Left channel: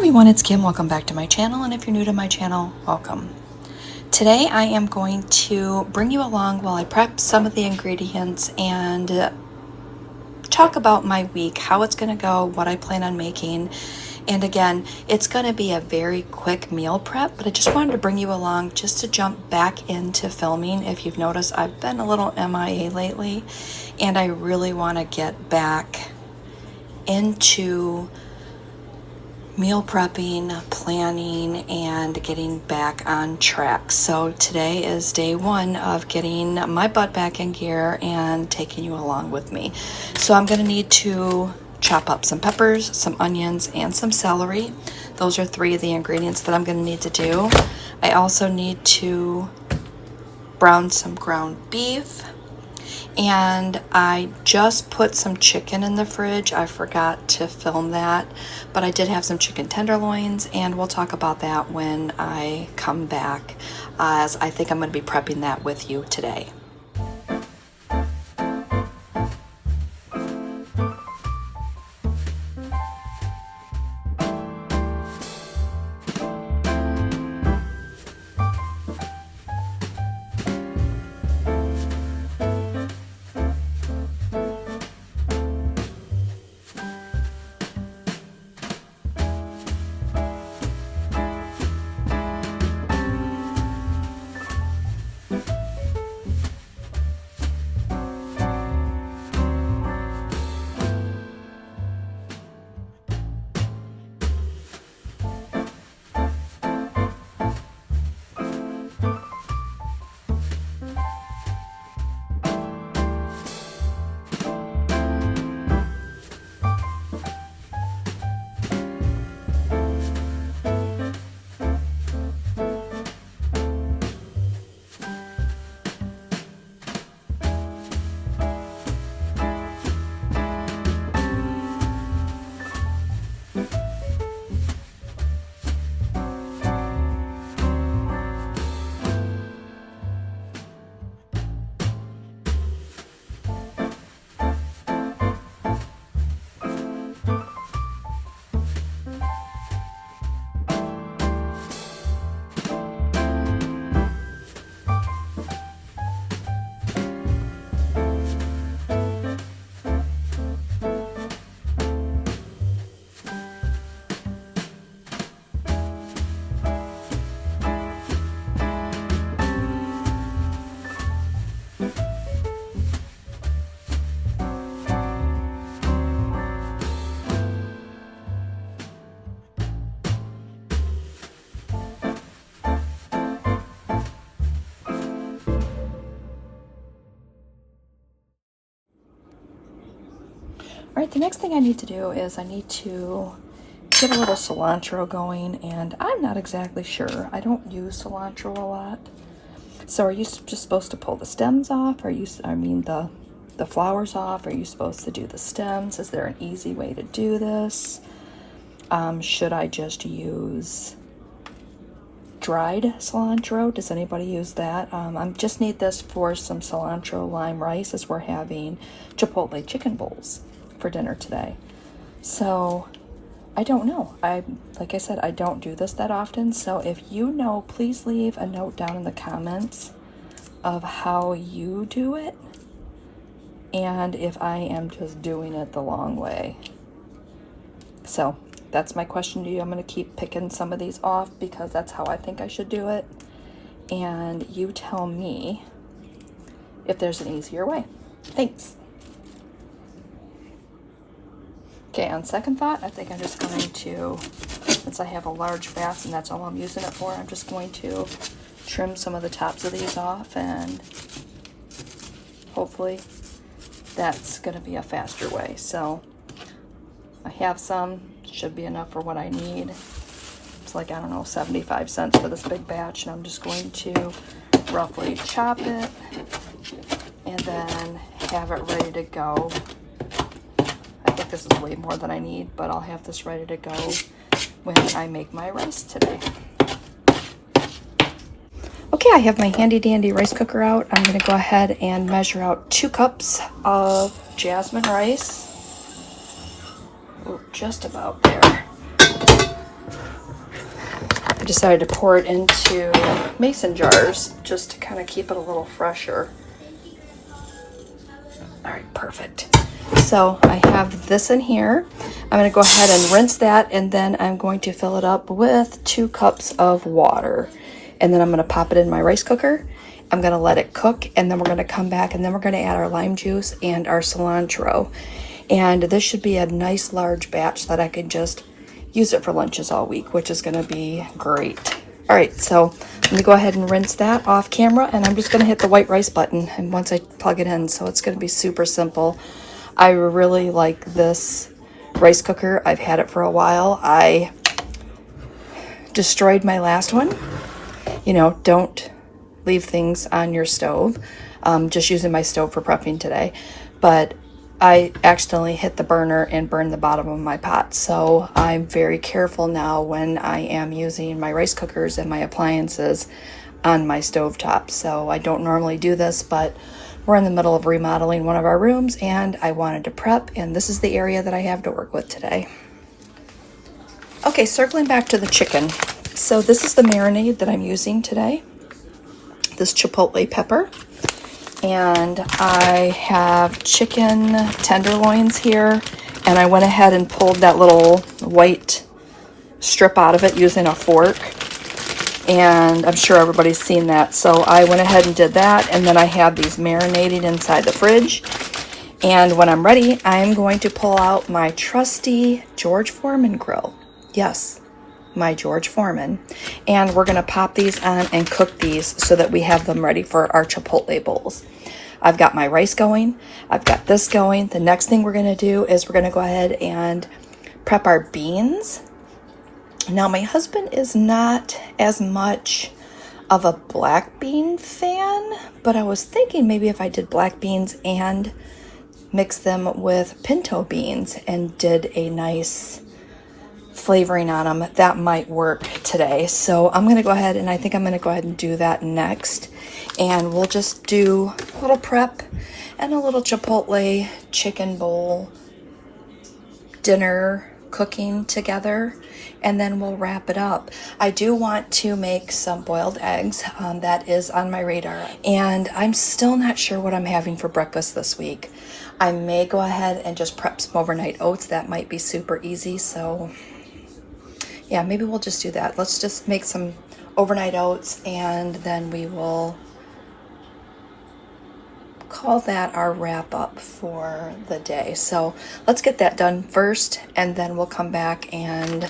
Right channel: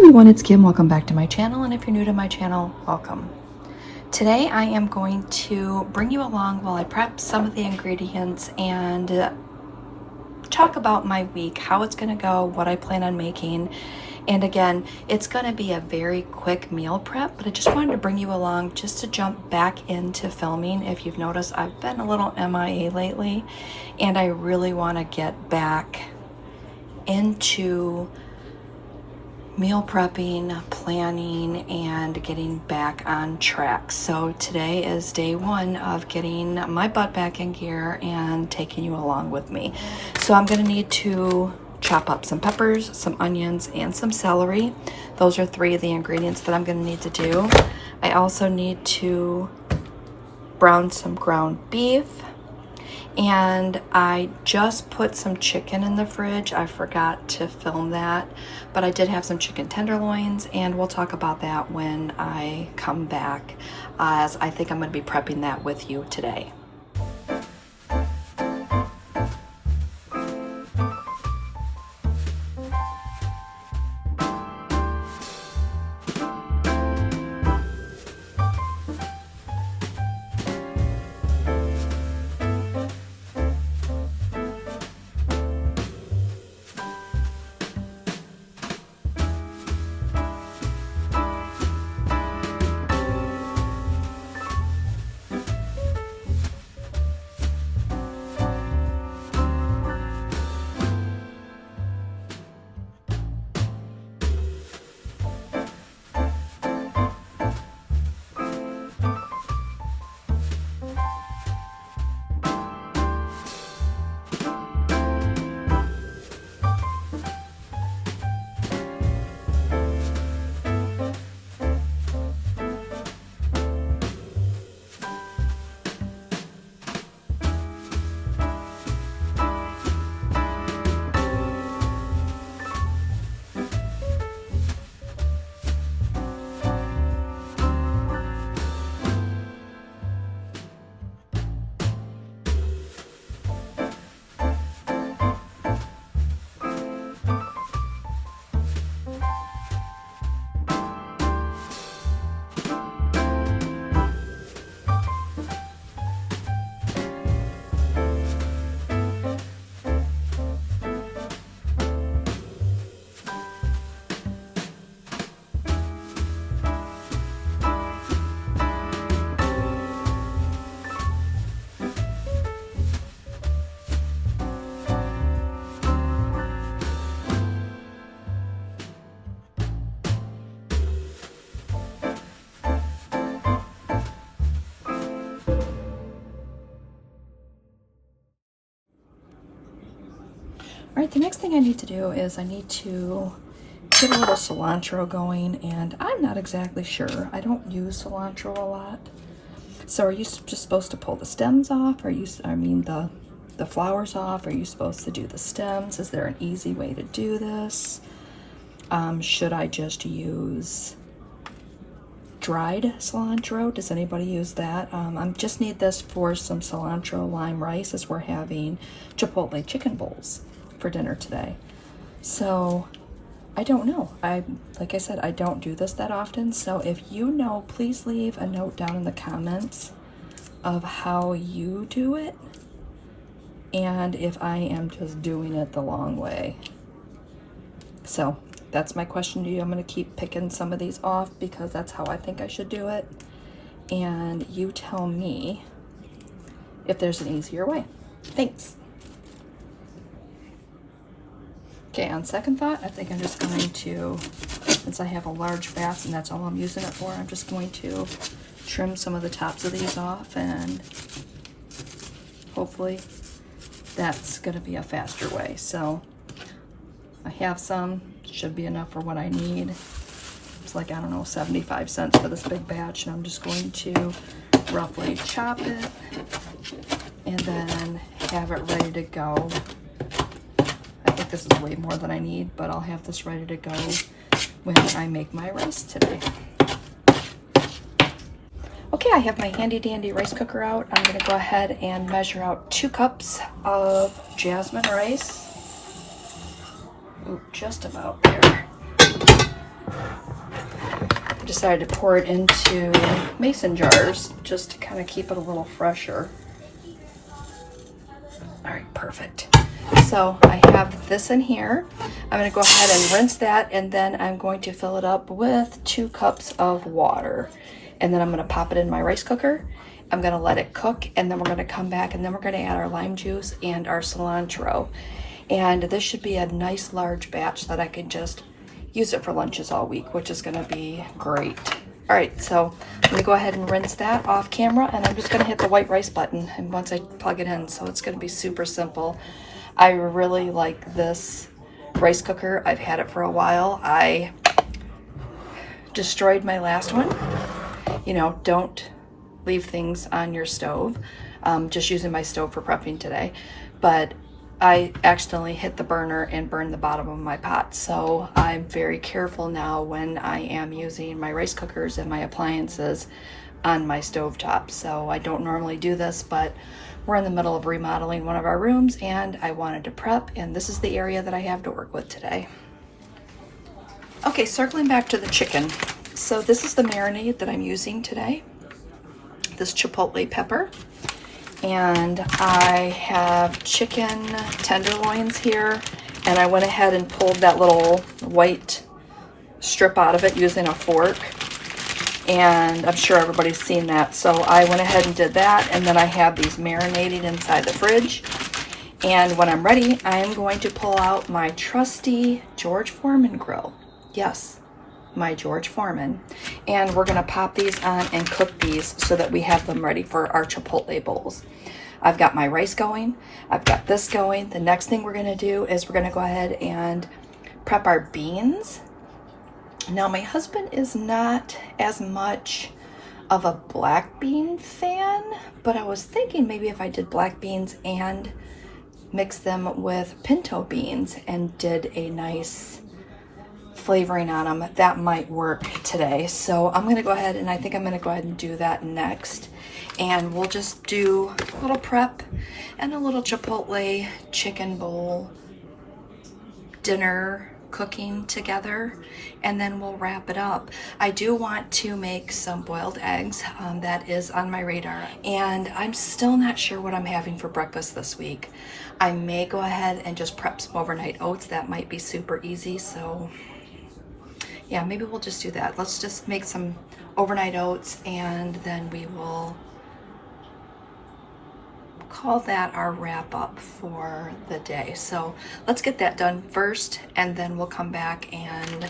everyone, it's Kim. Welcome back to my channel, and if you're new to my channel, welcome. Today I am going to bring you along while I prep some of the ingredients and talk about my week, how it's going to go, what I plan on making. And again, it's going to be a very quick meal prep, but I just wanted to bring you along just to jump back into filming. If you've noticed, I've been a little MIA lately, and I really want to get back into meal prepping, planning, and getting back on track. So today is day one of getting my butt back in gear and taking you along with me. So I'm going to need to chop up some peppers, some onions, and some celery. Those are three of the ingredients that I'm going to need to do. I also need to brown some ground beef. And I just put some chicken in the fridge. I forgot to film that, but I did have some chicken tenderloins, and we'll talk about that when I come back, as I think I'm going to be prepping that with you today. All right, the next thing I need to do is I need to get a little cilantro going, and I'm not exactly sure. I don't use cilantro a lot. So are you just supposed to pull the stems off? The flowers off? Are you supposed to do the stems? Is there an easy way to do this? Should I just use dried cilantro? Does anybody use that? I just need this for some cilantro lime rice, as we're having Chipotle chicken bowls for dinner today. So I don't know. Like I said, I don't do this that often. So if you know, please leave a note down in the comments of how you do it, and if I am just doing it the long way. So that's my question to you. I'm going to keep picking some of these off because that's how I think I should do it, and you tell me if there's an easier way. Thanks. Okay, on second thought, I think I'm just going to, since I have a large batch and that's all I'm using it for, I'm just going to trim some of the tops of these off, and hopefully that's going to be a faster way. So I have some, should be enough for what I need. It's like, I don't know, 75 cents for this big batch, and I'm just going to roughly chop it and then have it ready to go. I think this is way more than I need, but I'll have this ready to go when I make my rice today. Okay, I have my handy dandy rice cooker out. I'm going to go ahead and measure out 2 cups of jasmine rice. Oh, just about there. I decided to pour it into mason jars just to kind of keep it a little fresher. All right, perfect. So I have this in here. I'm going to go ahead and rinse that, and then I'm going to fill it up with 2 cups of water. And then I'm going to pop it in my rice cooker. I'm going to let it cook, and then we're going to come back, and then we're going to add our lime juice and our cilantro. And this should be a nice large batch that I can just use it for lunches all week, which is going to be great. All right, so I'm gonna go ahead and rinse that off camera, and I'm just gonna hit the white rice button and once I plug it in, so it's gonna be super simple. I really like this rice cooker. I've had it for a while. I destroyed my last one. You know, don't leave things on your stove. Just using my stove for prepping today. But I accidentally hit the burner and burned the bottom of my pot. So I'm very careful now when I am using my rice cookers and my appliances on my stovetop. So I don't normally do this, but we're in the middle of remodeling one of our rooms and I wanted to prep, and this is the area that I have to work with today. Okay, circling back to the chicken. So this is the marinade that I'm using today. This Chipotle pepper. And I have chicken tenderloins here, and I went ahead and pulled that little white strip out of it using a fork, and I'm sure everybody's seen that. So I went ahead and did that, and then I have these marinated inside the fridge, and when I'm ready, I am going to pull out my trusty George Foreman grill. Yes, my George Foreman, and we're gonna pop these on and cook these so that we have them ready for our Chipotle bowls. I've got my rice going, I've got this going. The next thing we're gonna do is we're gonna go ahead and prep our beans. Now my husband is not as much of a black bean fan, but I was thinking maybe if I did black beans and mixed them with pinto beans and did a nice flavoring on them, that might work today. So I'm gonna go ahead, and I think I'm gonna go ahead and do that next, and we'll just do a little prep and a little Chipotle chicken bowl dinner cooking together, and then we'll wrap it up. I do want to make some boiled eggs. That is on my radar, and I'm still not sure what I'm having for breakfast this week. I may go ahead and just prep some overnight oats. That might be super easy, so yeah, maybe we'll just do that. Let's just make some overnight oats, and then we will call that our wrap up for the day. So let's get that done first, and then we'll come back, and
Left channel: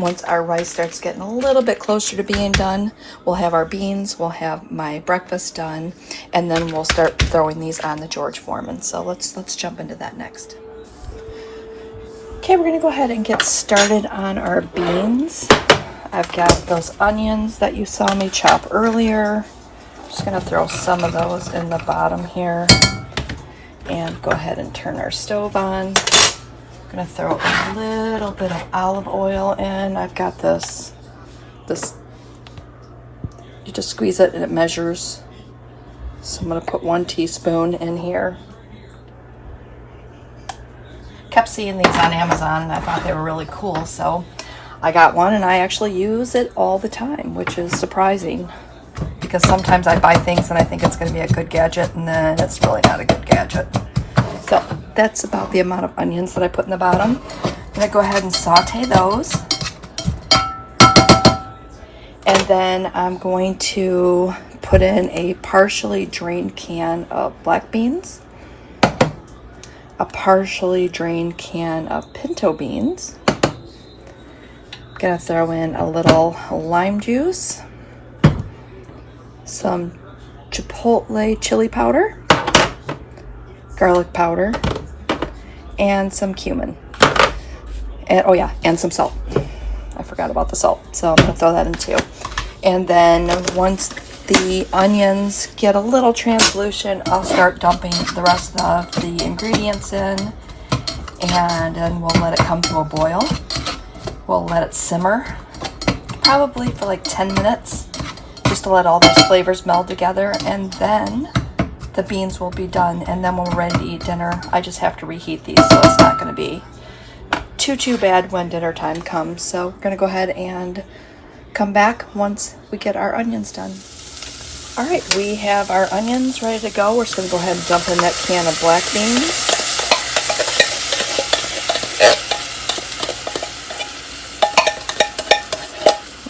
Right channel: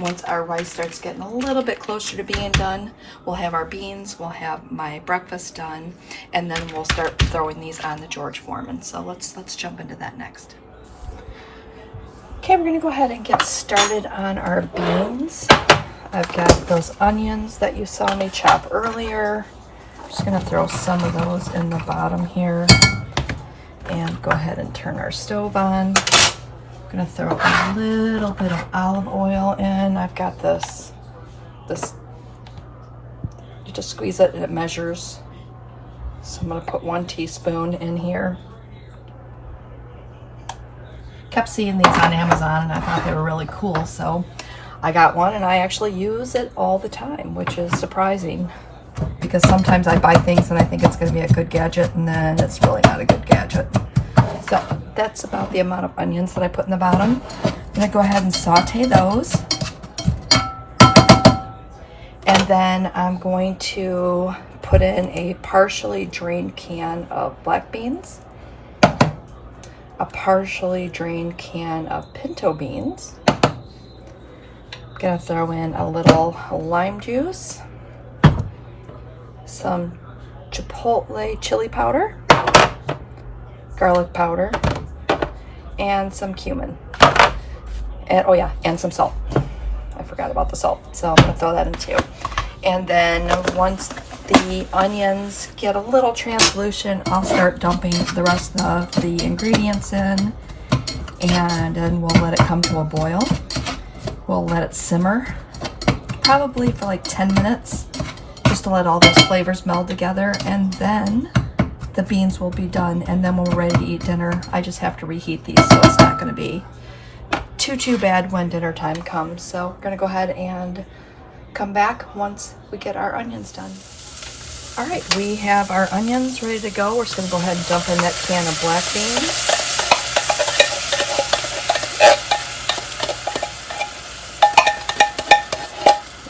once our rice starts getting a little bit closer to being done, we'll have our beans, we'll have my breakfast done, and then we'll start throwing these on the George Foreman. So let's jump into that next. Okay, we're gonna go ahead and get started on our beans. I've got those onions that you saw me chop earlier. I'm just gonna throw some of those in the bottom here and go ahead and turn our stove on. I'm gonna throw a little bit of olive oil in. I've got this, you just squeeze it and it measures. So I'm gonna put 1 teaspoon in here. Kept seeing these on Amazon, and I thought they were really cool, so I got one, and I actually use it all the time, which is surprising because sometimes I buy things and I think it's going to be a good gadget, and then it's really not a good gadget. So that's about the amount of onions that I put in the bottom. I'm going to go ahead and saute those, and then I'm going to put in a partially drained can of black beans, a partially drained can of pinto beans. Gonna throw in a little lime juice, some Chipotle chili powder, garlic powder, and some cumin. And oh yeah, and some salt. I forgot about the salt, so I'm gonna throw that in too. And then once the onions get a little translucent, I'll start dumping the rest of the ingredients in, and then we'll let it come to a boil. We'll let it simmer, probably for like 10 minutes, just to let all those flavors meld together, and then the beans will be done, and then when we're ready to eat dinner, I just have to reheat these, so it's not gonna be too bad when dinner time comes. So we're gonna go ahead and come back once we get our onions done. All right, we have our onions ready to go. We're just gonna go ahead and dump in that can of black beans.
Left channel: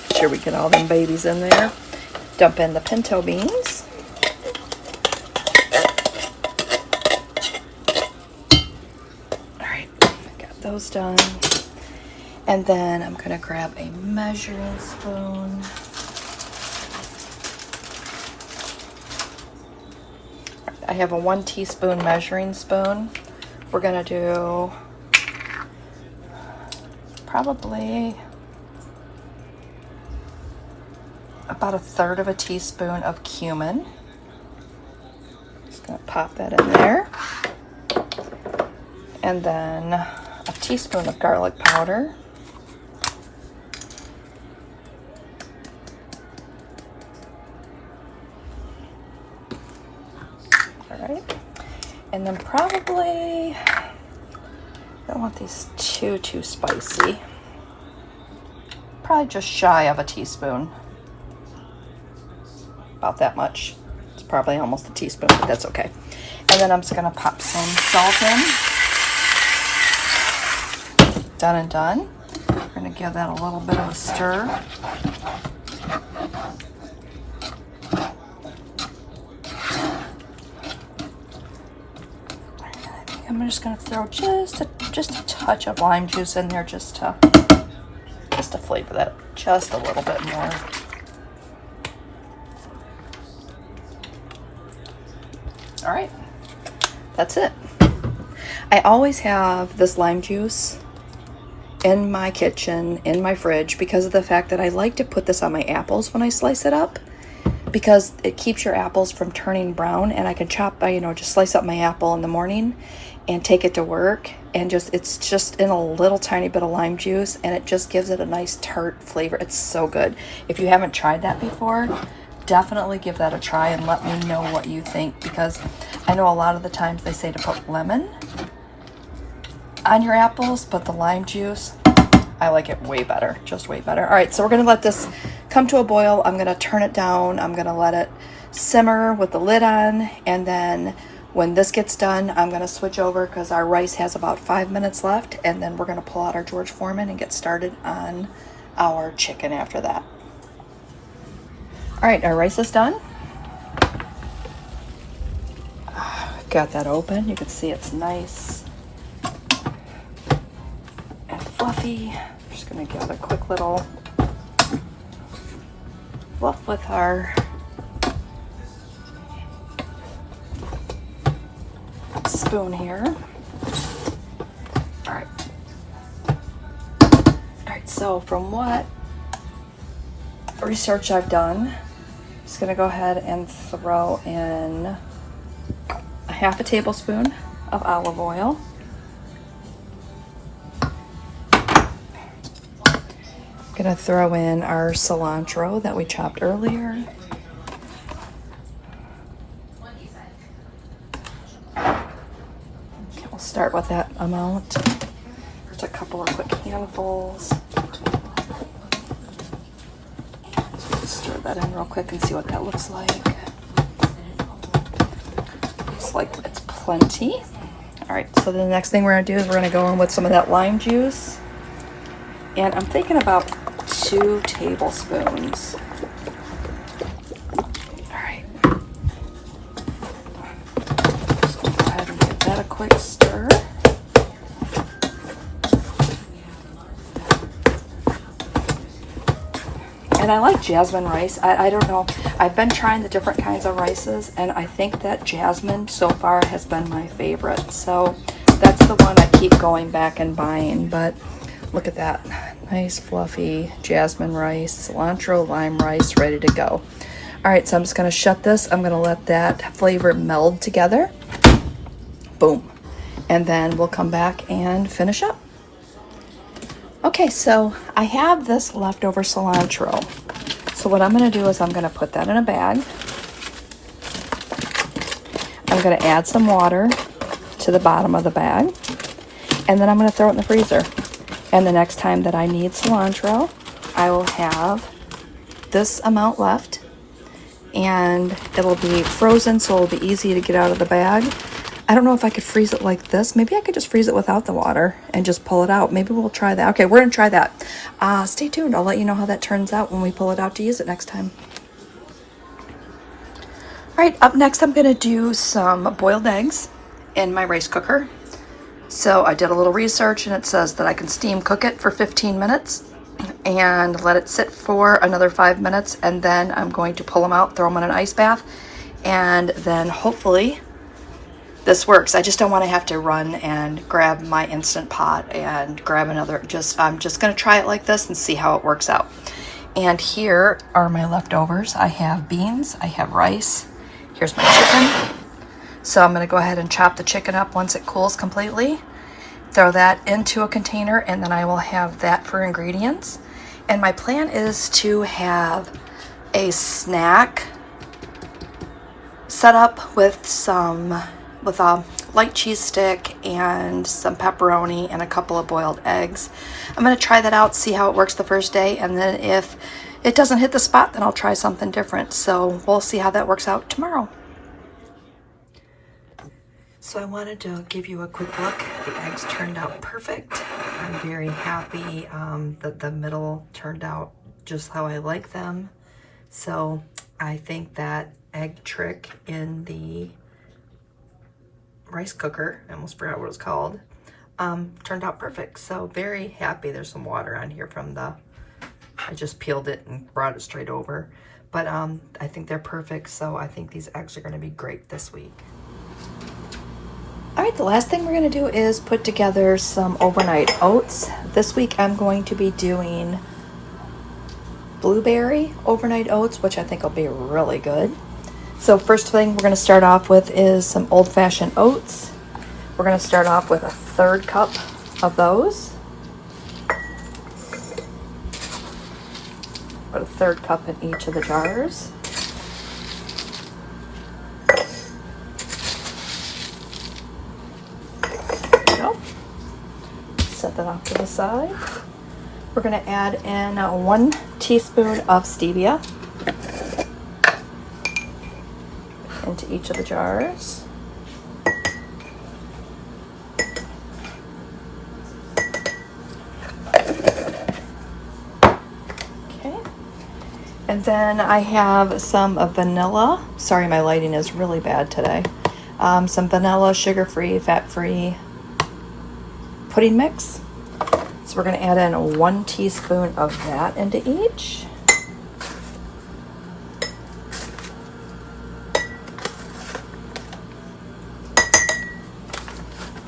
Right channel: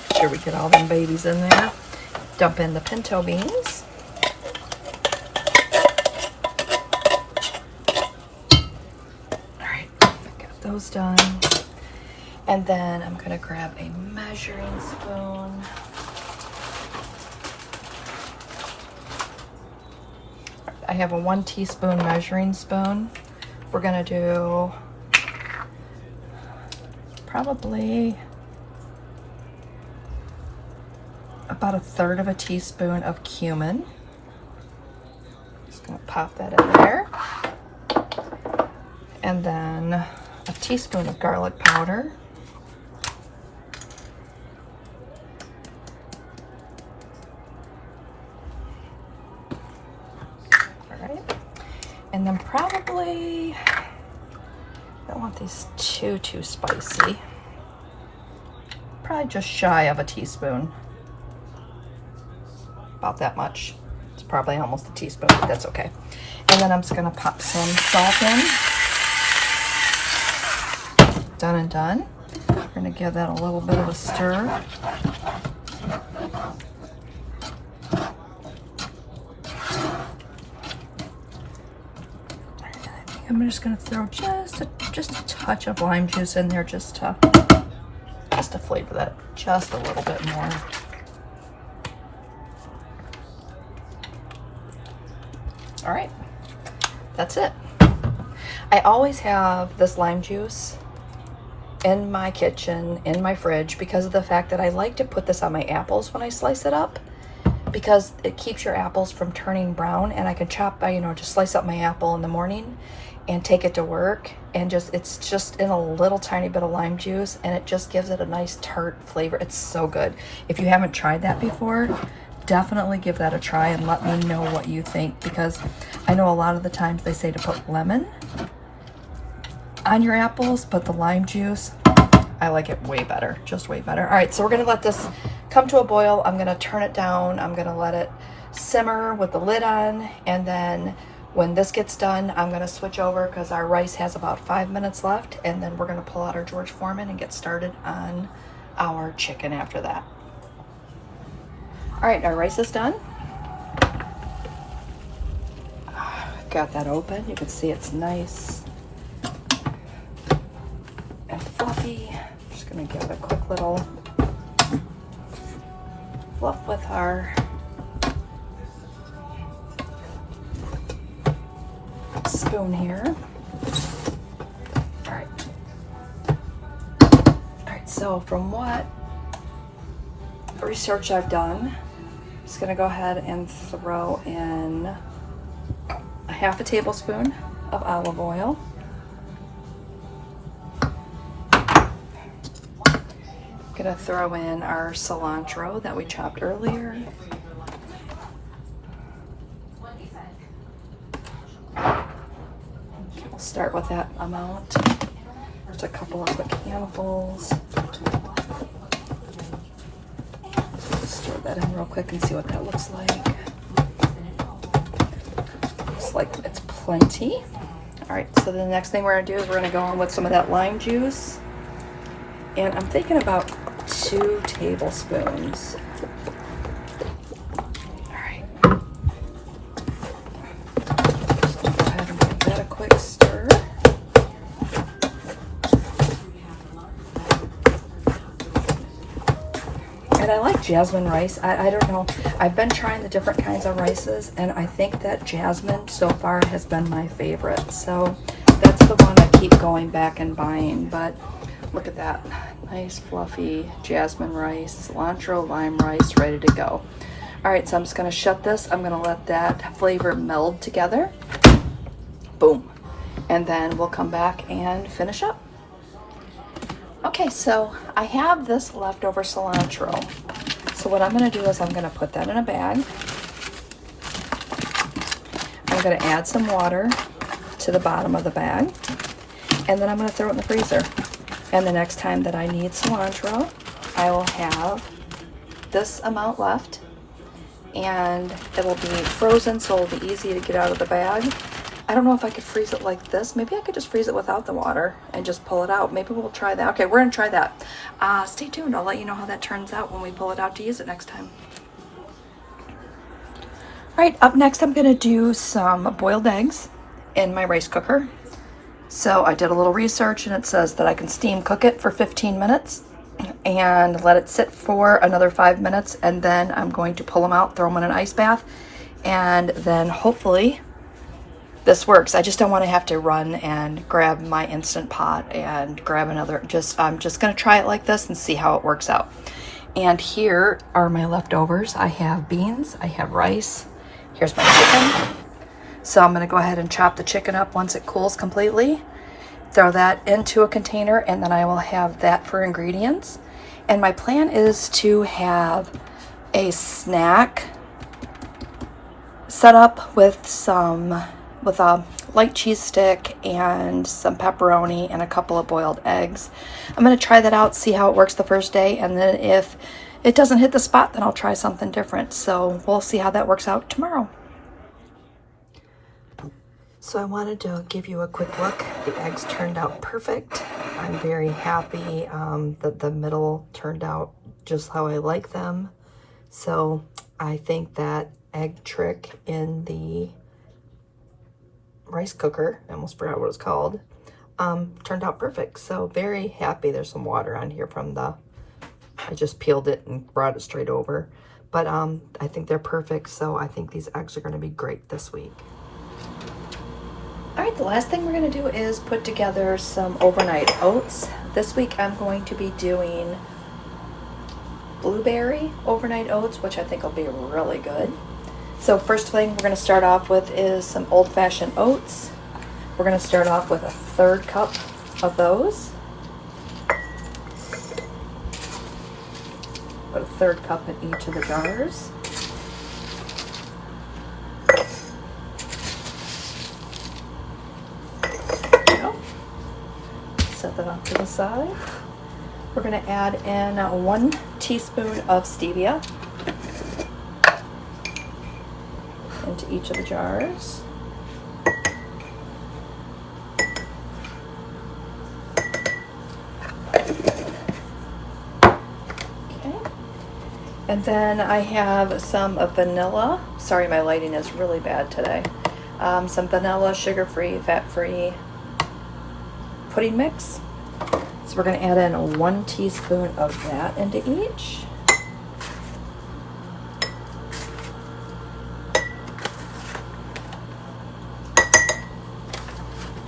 Make sure we get all them babies in there. Dump in the pinto beans. All right, got those done. And then I'm gonna grab a measuring spoon. I have a 1 teaspoon measuring spoon. We're gonna do probably about 1/3 of a teaspoon of cumin. Just gonna pop that in there. And then a teaspoon of garlic powder. And then probably, I don't want these too spicy. Probably just shy of a teaspoon. About that much. It's probably almost a teaspoon, but that's okay. And then I'm just gonna pop some salt in. Done and done. We're gonna give that a little bit of a stir. I'm just gonna throw just a touch of lime juice in there just to flavor that just a little bit more. All right, that's it. I always have this lime juice in my kitchen, in my fridge, because of the fact that I like to put this on my apples when I slice it up, because it keeps your apples from turning brown, and I can chop by, just slice up my apple in the morning and take it to work, and it's just in a little tiny bit of lime juice, and it just gives it a nice tart flavor. It's so good. If you haven't tried that before, definitely give that a try and let me know what you think, because I know a lot of the times they say to put lemon on your apples, but the lime juice, I like it way better, just way better. All right, so we're gonna let this come to a boil. I'm gonna turn it down. I'm gonna let it simmer with the lid on, and then when this gets done, I'm gonna switch over because our rice has about 5 minutes left, and then we're gonna pull out our George Foreman and get started on our chicken after that. All right, our rice is done. Got that open. You can see it's nice and fluffy. I'm just gonna give it a quick little fluff with our spoon here. All right. All right, so from what research I've done, I'm just gonna go ahead and throw in a 1/2 tablespoon of olive oil. I'm gonna throw in our cilantro that we chopped earlier. Okay, we'll start with that amount. Just a couple of quick handfuls. Stir that in real quick and see what that looks like. Looks like it's plenty. All right, so the next thing we're gonna do is we're gonna go in with some of that lime juice. And I'm thinking about 2 tablespoons. All right. Just go ahead and give that a quick stir. And I like jasmine rice. I don't know. I've been trying the different kinds of rices, and I think that jasmine so far has been my favorite. So that's the one I keep going back and buying. But look at that. Nice fluffy jasmine rice, cilantro, lime rice, ready to go. All right, so I'm just gonna shut this. I'm gonna let that flavor meld together. Boom. And then we'll come back and finish up. Okay, so I have this leftover cilantro. So what I'm gonna do is I'm gonna put that in a bag. I'm gonna add some water to the bottom of the bag. And then I'm gonna throw it in the freezer. And the next time that I need cilantro, I will have this amount left, and it'll be frozen, so it'll be easy to get out of the bag. I don't know if I could freeze it like this. Maybe I could just freeze it without the water and just pull it out. Maybe we'll try that. Okay, we're gonna try that. Stay tuned. I'll let you know how that turns out when we pull it out to use it next time. All right, up next I'm gonna do some boiled eggs in my rice cooker. So I did a little research, and it says that I can steam cook it for 15 minutes and let it sit for another 5 minutes, and then I'm going to pull them out, throw them in an ice bath, and then hopefully this works. I just don't want to have to run and grab my Instant Pot and grab another. I'm just going to try it like this and see how it works out. And here are my leftovers. I have beans, I have rice. Here's my chicken. So I'm going to go ahead and chop the chicken up once it cools completely. Throw that into a container, and then I will have that for ingredients. And my plan is to have a snack set up with a light cheese stick and some pepperoni and a couple of boiled eggs. I'm going to try that out, see how it works the first day, and then if it doesn't hit the spot, then I'll try something different. So we'll see how that works out tomorrow. So I wanted to give you a quick look. The eggs turned out perfect. I'm very happy that the middle turned out just how I like them. So I think that egg trick in the rice cooker, I almost forgot what it's called, turned out perfect. So very happy. There's some water on here from I just peeled it and brought it straight over. But I think they're perfect. So I think these eggs are going to be great this week. All right, the last thing we're going to do is put together some overnight oats. This week I'm going to be doing blueberry overnight oats, which I think will be really good. So first thing we're going to start off with is some old-fashioned oats. We're going to start off with a 1/3 cup of those. Put a 1/3 cup in each of the jars. Set that off to the side. We're going to add in 1 teaspoon of stevia into each of the jars. Okay. And then I have some vanilla. Sorry, my lighting is really bad today. Some vanilla, sugar-free, fat-free pudding mix. So we're going to add in 1 teaspoon of that into each.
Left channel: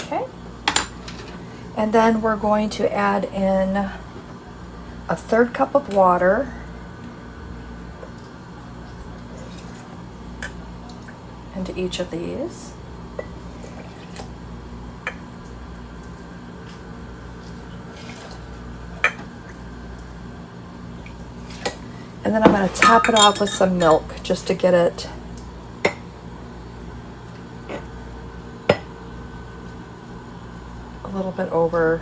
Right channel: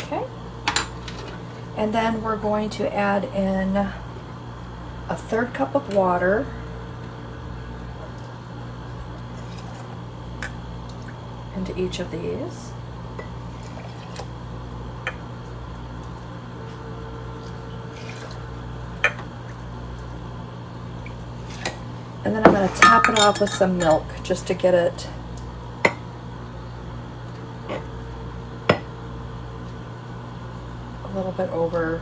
Okay. And then we're going to add in a 1/3 cup of water. Into each of these. And then I'm going to top it off with some milk just to get it a little bit over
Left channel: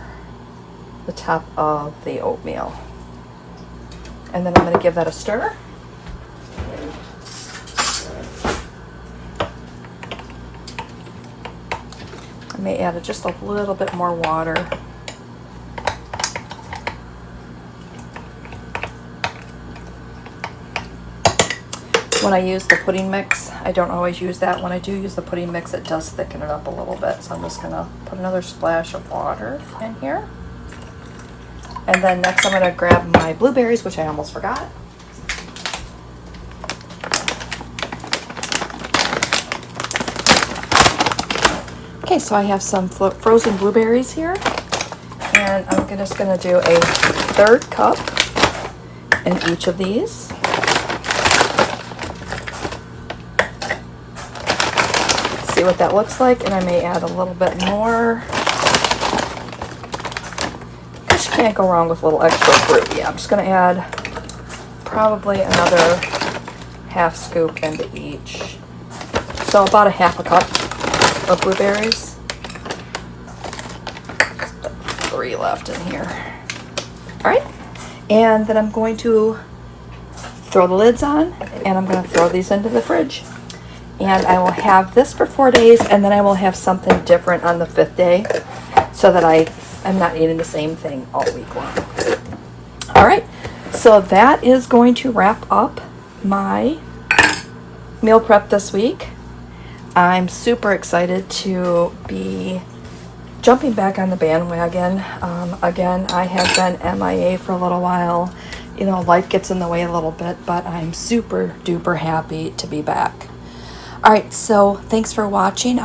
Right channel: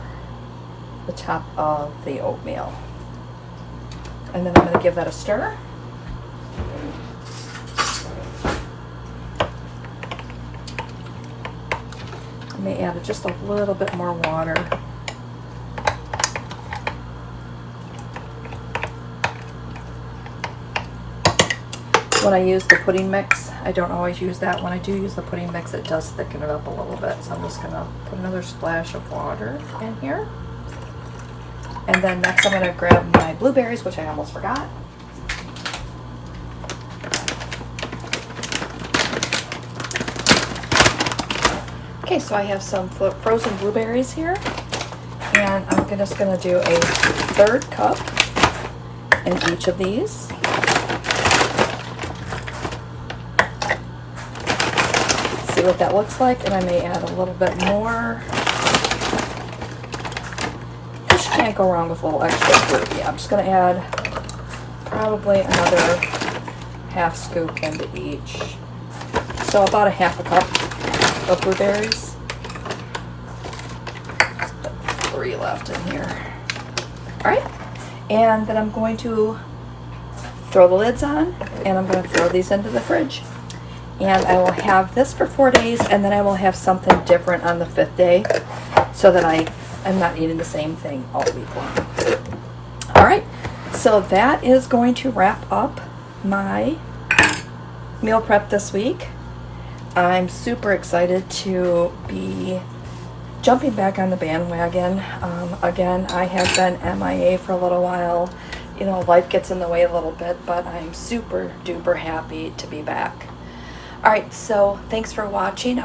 the top of the oatmeal. And then I'm going to give that a stir. I may add just a little bit more water. When I use the pudding mix, I don't always use that. When I do use the pudding mix, it does thicken it up a little bit. So I'm just gonna put another splash of water in here. And then next I'm gonna grab my blueberries, which I almost forgot. Okay, so I have some frozen blueberries here. And I'm just gonna do a 1/3 cup in each of these. See what that looks like, and I may add a little bit more. Because you can't go wrong with a little extra fruit. Yeah, I'm just going to add probably another 1/2 scoop into each. So about a 1/2 cup of blueberries. Just put 3 left in here. All right, and then I'm going to throw the lids on, and I'm going to throw these into the fridge. And I will have this for 4 days, and then I will have something different on the 5th day so that I'm not eating the same thing all week long. All right, so that is going to wrap up my meal prep this week. I'm super excited to be jumping back on the bandwagon. Again, I have been MIA for a little while. You know, life gets in the way a little bit, but I'm super duper happy to be back. All right, so thanks for watching.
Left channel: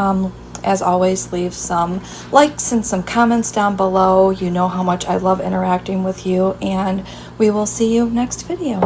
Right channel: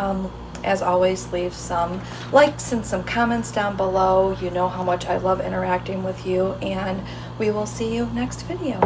As always, leave some likes and some comments down below. You know how much I love interacting with you, and we will see you next video.